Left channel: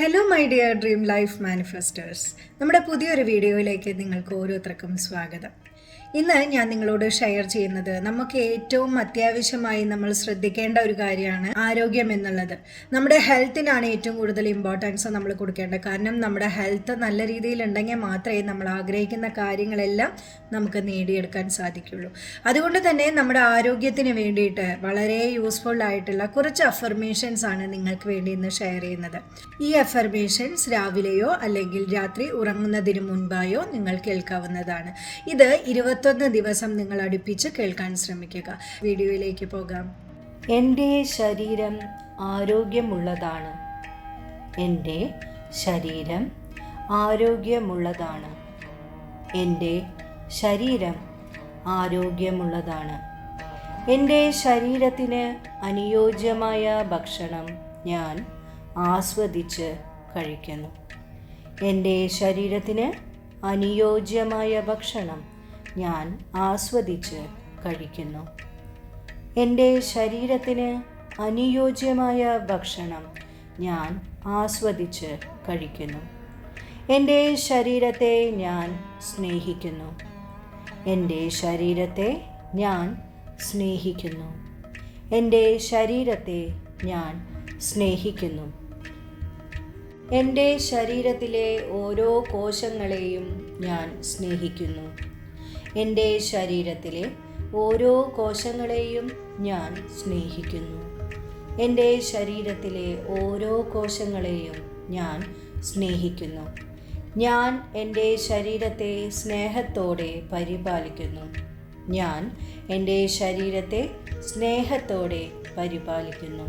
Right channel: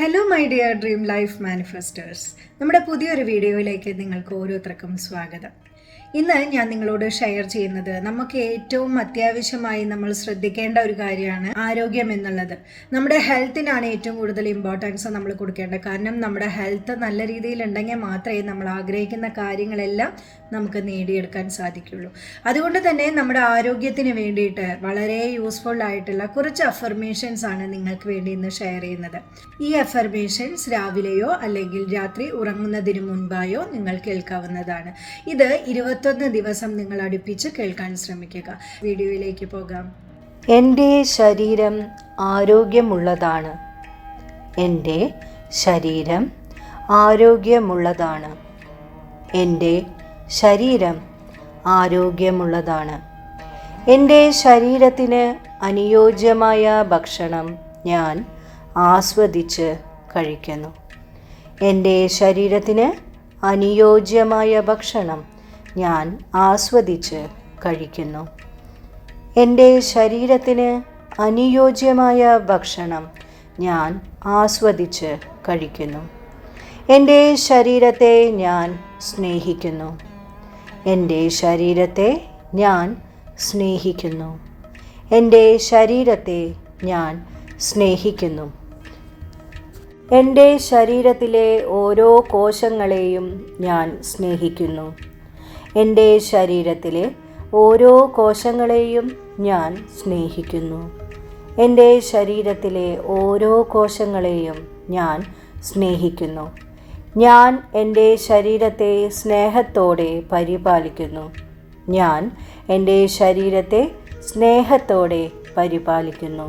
Hello my dear dream life manifesters, നമ്മുടെ പുതിയൊരു വീഡിയോയിലേക്ക് നിങ്ങൾക്ക് ഓരോരുത്തർക്കും സ്വാഗതം. ഇന്ന് ഞാൻ നിങ്ങളോട് ഷെയർ ചെയ്യുന്നത് നമുക്ക് ഏറ്റവും അത്യാവശ്യമായി നമ്മൾ ശ്രദ്ധിക്കേണ്ട ഒരു കാര്യമാണ് ആരോഗ്യം എന്നുള്ളത്. നമ്മുടെ ഹെൽത്തിനാണ് ഏറ്റവും കൂടുതൽ ഇമ്പോർട്ടൻസ് നമ്മൾ കൊടുക്കേണ്ടത്. കാരണം നമ്മുടെ ഹെൽത്ത് നല്ല രീതിയിൽ ഉണ്ടെങ്കിൽ മാത്രമേ നമ്മൾ ആഗ്രഹിക്കുന്ന കാര്യങ്ങളെല്ലാം നമുക്ക് നേടിയെടുക്കാൻ സാധിക്കുള്ളൂ. അതുകൊണ്ട് തന്നെ നമ്മുടെ ആരോഗ്യത്തിന് വേണ്ടിയിട്ട് വളരെ യൂസ്ഫുൾ ആയിട്ടുള്ള കുറച്ച് അഫർമേഷൻസ് ആണ് നിങ്ങൾക്ക് വേണ്ടി ഇന്ന് ഷെയർ ചെയ്യുന്നത്. ഈ അഫർമേഷൻസ് രാവിലെയോ അല്ലെങ്കിൽ രാത്രി ഉറങ്ങുന്നതിന് മുൻപായോ നിങ്ങൾ കേൾക്കാവുന്നതാണ്. ഇത് 21 ദിവസം നിങ്ങൾ അടുപ്പിച്ച് കേൾക്കാൻ ശ്രമിക്കുക. വീഡിയോയിലേക്ക് പോകാം. എൻ്റെ ശരീരം ആരോഗ്യമുള്ളതാണ്. എൻ്റെ ശരീരം ആരോഗ്യമുള്ളതാണ്. എൻ്റെ ശരീരം ആരോഗ്യമുള്ളതാണ്. എൻ്റെ ശരീരത്തിന് അനുയോജ്യമായ ഭക്ഷണം ഞാൻ ആസ്വദിച്ച് കഴിക്കുന്നു. എൻ്റെ ശരീരത്തിന് അനുയോജ്യമായ ഭക്ഷണം ഞാൻ ആസ്വദിച്ച് കഴിക്കുന്നു. എൻ്റെ ശരീരത്തിന് അനുയോജ്യമായ ഭക്ഷണം ഞാൻ ആസ്വദിച്ച് കഴിക്കുന്നു. എൻ്റെ ശരീരത്തെ ഞാൻ സ്നേഹിക്കുന്നു. എൻ്റെ ശരീരത്തെ ഞാൻ സ്നേഹിക്കുന്നു. എൻ്റെ ശരീരത്തെ ഞാൻ സ്നേഹിക്കുന്നു. എൻ്റെ ശരീരത്തിലെ ഓരോ കോശങ്ങളെയും ഞാൻ സ്നേഹിക്കുന്നു. എൻ്റെ ശരീരത്തിലെ ഓരോ കോശങ്ങളെയും ഞാൻ സ്നേഹിക്കുന്നു. എൻ്റെ ശരീരത്തിലെ ഓരോ കോശങ്ങളെയും ഞാൻ സ്നേഹിക്കുന്നു. ഞാൻ എൻ്റെ ശരീരത്തെ സ്നേഹത്തോടെ പരിപാലിക്കുന്നു. ഞാൻ എൻ്റെ ശരീരത്തെ സ്നേഹത്തോടെ പരിപാലിക്കുന്നു.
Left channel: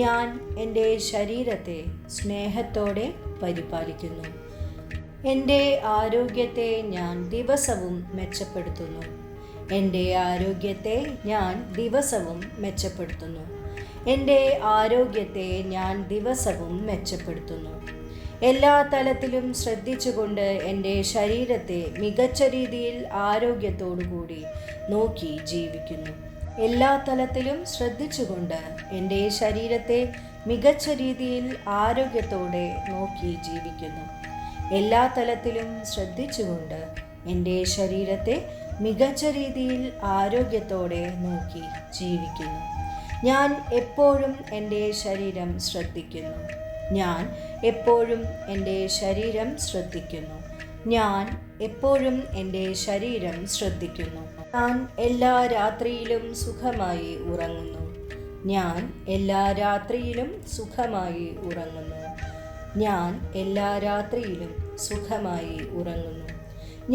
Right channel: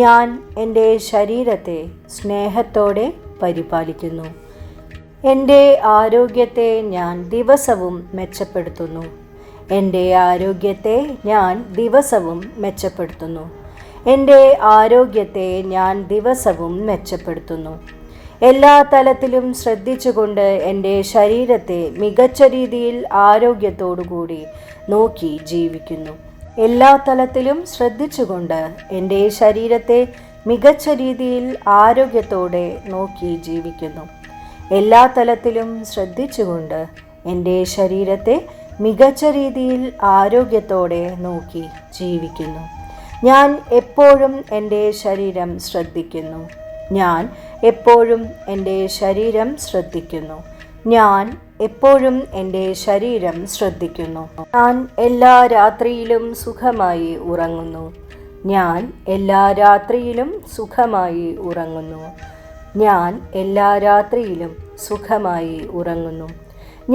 ഞാൻ എൻ്റെ ശരീരത്തെ സ്നേഹത്തോടെ പരിപാലിക്കുന്നു. എൻ്റെ ആരോഗ്യത്തെ ഞാൻ ദിവസവും മെച്ചപ്പെടുത്തുന്നു. എൻ്റെ ആരോഗ്യത്തെ ഞാൻ ദിവസവും മെച്ചപ്പെടുത്തുന്നു. എൻ്റെ ആരോഗ്യത്തെ ഞാൻ ദിവസവും മെച്ചപ്പെടുത്തുന്നു. എല്ലാ തലത്തിലും ശ്രദ്ധിച്ചുകൊണ്ട് എൻ്റെ ശരീരത്തെ മികച്ച രീതിയിൽ ആരോഗ്യത്തോടുകൂടി നോക്കി ജീവിക്കുന്നു. എല്ലാ തലത്തിലും ശ്രദ്ധിച്ചുകൊണ്ട് എൻ്റെ ശരീരത്തെ മികച്ച രീതിയിൽ ആരോഗ്യത്തോടെ നോക്കി ജീവിക്കുന്നു. എല്ലാ തലത്തിലും ശ്രദ്ധിച്ചുകൊണ്ട് എൻ്റെ ശരീരത്തെ മികച്ച രീതിയിൽ ആരോഗ്യത്തോടെ നോക്കി ജീവിക്കുന്നു. ഞാൻ എപ്പോഴും എൻ്റെ ശരീരം ശ്രദ്ധിക്കുന്നു. ഞാൻ എപ്പോഴും എൻ്റെ ശരീരം ശ്രദ്ധിക്കുന്നു. ഞാൻ എപ്പോഴും എൻ്റെ ശരീരം ശ്രദ്ധിക്കുന്നു. ഞാൻ എല്ലാ രാത്രിയിലും സുഖമായി ഉറങ്ങുന്നു. ഞാൻ എല്ലാ രാത്രിയിലും സുഖമായി ഉറങ്ങുന്നു. ഞാൻ എല്ലാ രാത്രിയിലും സുഖമായി ഉറങ്ങുന്നു.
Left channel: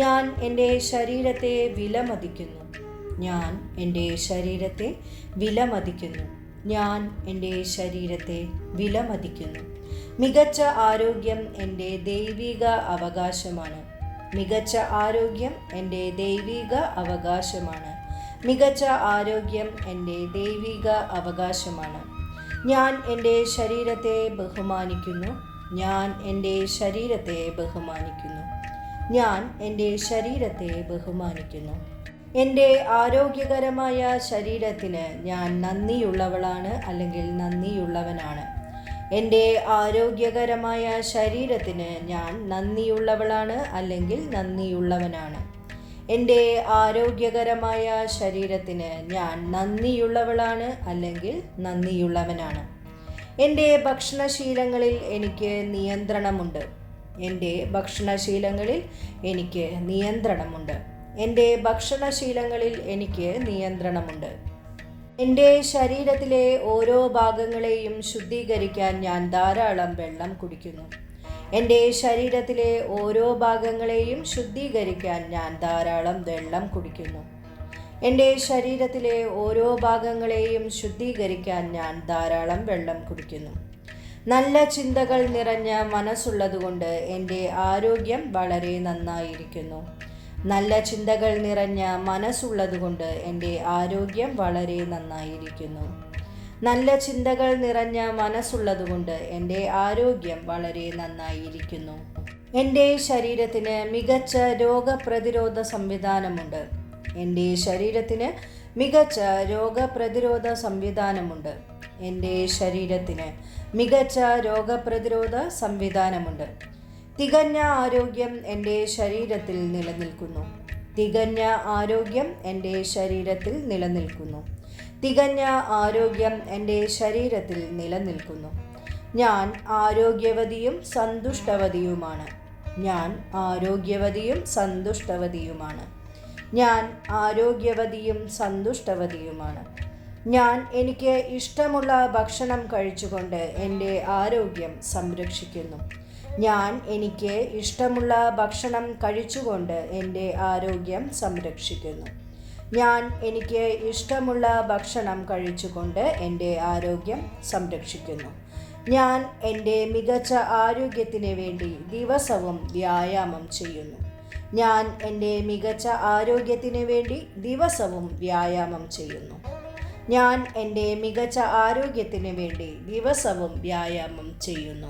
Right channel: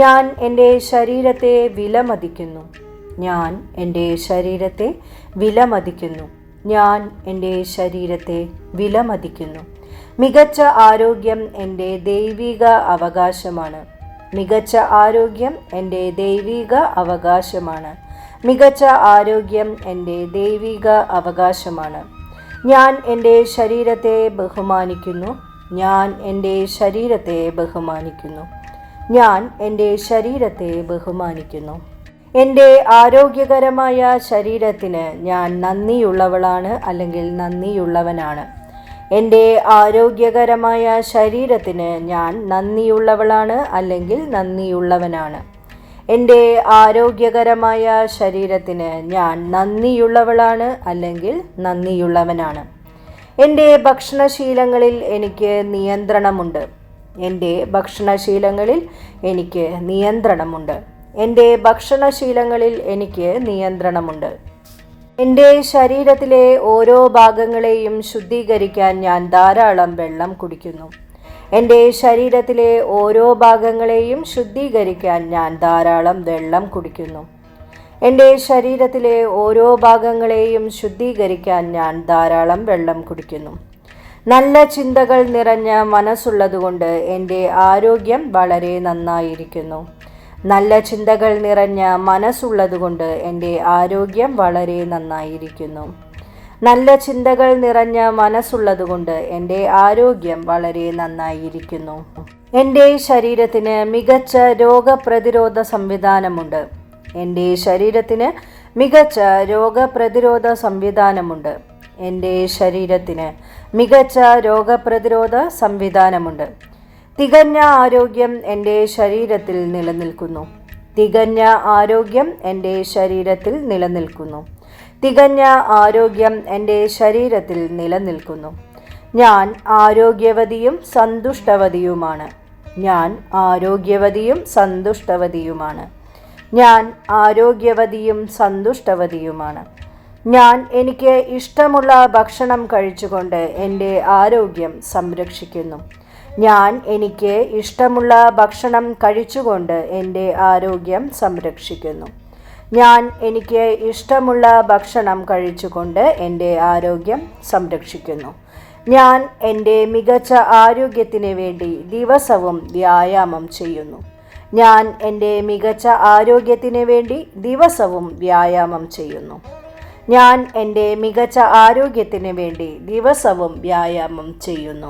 ഞാൻ എൻ്റെ ശരീരത്തെ വിലമതിക്കുന്നു. ഞാൻ എൻ്റെ ശരീരത്തെ വിലമതിക്കുന്നു. ഞാൻ എൻ്റെ ശരീരത്തെ വിലമതിക്കുന്നു. മികച്ച ആരോഗ്യം എൻ്റെ ദൈവിക അവകാശമാണ്. മികച്ച ആരോഗ്യം എൻ്റെ ദൈവിക അവകാശമാണ്. മികച്ച ആരോഗ്യം എൻ്റെ ദൈവിക അവകാശമാണ്. ഞാൻ എൻ്റെ ശരീരത്തെ ബഹുമാനിക്കുന്നു. ഞാൻ എൻ്റെ ശരീരത്തെ ബഹുമാനിക്കുന്നു. ഞാൻ എൻ്റെ ശരീരത്തെ ബഹുമാനിക്കുന്നു. എൻ്റെ ആരോഗ്യകരമായ ശരീരത്തിന് ഞാൻ നന്ദിയുള്ളവളാണ് അല്ലെങ്കിൽ നന്ദിയുള്ളവനാണ്. എൻ്റെ ആരോഗ്യകരമായ ശരീരത്തിന് ഞാൻ നന്ദിയുള്ളവളാണ് അല്ലെങ്കിൽ നന്ദിയുള്ളവനാണ്. എൻ്റെ ആരോഗ്യകരമായ ശരീരത്തിന് ഞാൻ നന്ദിയുള്ളവളാണ് അല്ലെങ്കിൽ നന്ദിയുള്ളവനാണ്. എൻ്റെ ഭക്ഷണശീലങ്ങളിൽ എനിക്ക് നിയന്ത്രണമുണ്ട്. എൻ്റെ ഭക്ഷണശീലങ്ങളിൽ എനിക്ക് നിയന്ത്രണമുണ്ട്. എൻ്റെ ഭക്ഷണശീലങ്ങളിൽ എനിക്ക് നിയന്ത്രണമുണ്ട്. എൻ്റെ ശരീരത്തിലെ ഓരോ ഭാഗങ്ങളെയും ശുദ്ധീകരിക്കാൻ ഞാൻ ധാരാളം വെള്ളം കുടിക്കുന്നു. എൻ്റെ ശരീരത്തിലെ ഓരോ ഭാഗങ്ങളെയും ശുദ്ധീകരിക്കാൻ ഞാൻ ധാരാളം വെള്ളം കുടിക്കുന്നു. എൻ്റെ ശരീരത്തിലെ ഓരോ ഭാഗങ്ങളെയും ശുദ്ധീകരിക്കാൻ ഞാൻ ധാരാളം വെള്ളം കുടിക്കുന്നു. നല്ല ചിന്തകൾ നിറഞ്ഞ മനസ്സുള്ളതുകൊണ്ട് എൻ്റെ ആരോഗ്യം വളരെ നന്നായിരിക്കുന്നു. നല്ല ചിന്തകൾ നിറഞ്ഞ മനസ്സുള്ളതുകൊണ്ട് എൻ്റെ ആരോഗ്യം വളരെ നന്നായിരിക്കുന്നു. നല്ല ചിന്തകൾ നിറഞ്ഞ മനസ്സുള്ളതുകൊണ്ട് എൻ്റെ ആരോഗ്യം വളരെ നന്നായിരിക്കുന്നു. എൻ്റെ ശരീരത്തിന് മികച്ച രോഗപ്രതിരോധ സംവിധാനമുണ്ട്. എൻ്റെ ശരീരത്തിന് മികച്ച രോഗപ്രതിരോധ സംവിധാനമുണ്ട്. എൻ്റെ ശരീരത്തിന് മികച്ച രോഗപ്രതിരോധ സംവിധാനമുണ്ട്. തികഞ്ഞ ആരോഗ്യം എൻ്റെ ശരീരത്തിൽ നിലനിൽക്കുന്നു. തികഞ്ഞ ആരോഗ്യം എൻ്റെ ശരീരത്തിൽ നിലനിൽക്കുന്നു. തികഞ്ഞ ആരോഗ്യം എൻ്റെ ശരീരത്തിൽ നിലനിൽക്കുന്നു. ഞാൻ ആരോഗ്യവതിയും സന്തുഷ്ടവതിയുമാണ്. ഞാൻ ആരോഗ്യവതിയും സന്തുഷ്ടവതിയുമാണ്. ഞാൻ ആരോഗ്യവതിയും സന്തുഷ്ടവതിയുമാണ്. ഞാൻ എനിക്ക് ഇഷ്ടമുള്ള ഭക്ഷണം കഴിച്ചുകൊണ്ട് എൻ്റെ ആരോഗ്യം സംരക്ഷിക്കുന്നു. ഞാൻ എനിക്ക് ഇഷ്ടമുള്ള ഭക്ഷണം കഴിച്ചുകൊണ്ട് എൻ്റെ ആരോഗ്യം സംരക്ഷിക്കുന്നു. ഞാൻ എനിക്ക് ഇഷ്ടമുള്ള ഭക്ഷണം കഴിച്ചുകൊണ്ട് എൻ്റെ ആരോഗ്യം സംരക്ഷിക്കുന്നു. ഞാൻ എൻ്റെ മികച്ച ആരോഗ്യത്തിന് വേണ്ടി ദിവസവും വ്യായാമം ചെയ്യുന്നു. ഞാൻ എൻ്റെ മികച്ച ആരോഗ്യത്തിന് വേണ്ടി ദിവസവും വ്യായാമം ചെയ്യുന്നു. ഞാൻ എൻ്റെ മികച്ച ആരോഗ്യത്തിന് വേണ്ടി ദിവസവും വ്യായാമം ചെയ്യുന്നു.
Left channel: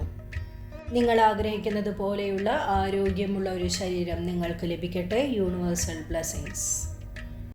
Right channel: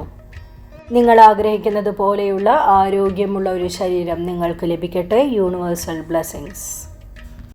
നിങ്ങൾ ആഗ്രഹിക്കുന്നത് പോലെയുള്ള ആരോഗ്യമുള്ള ഒരു ശരീരം നിങ്ങൾക്ക് ലഭിക്കട്ടെ. Universal blessings.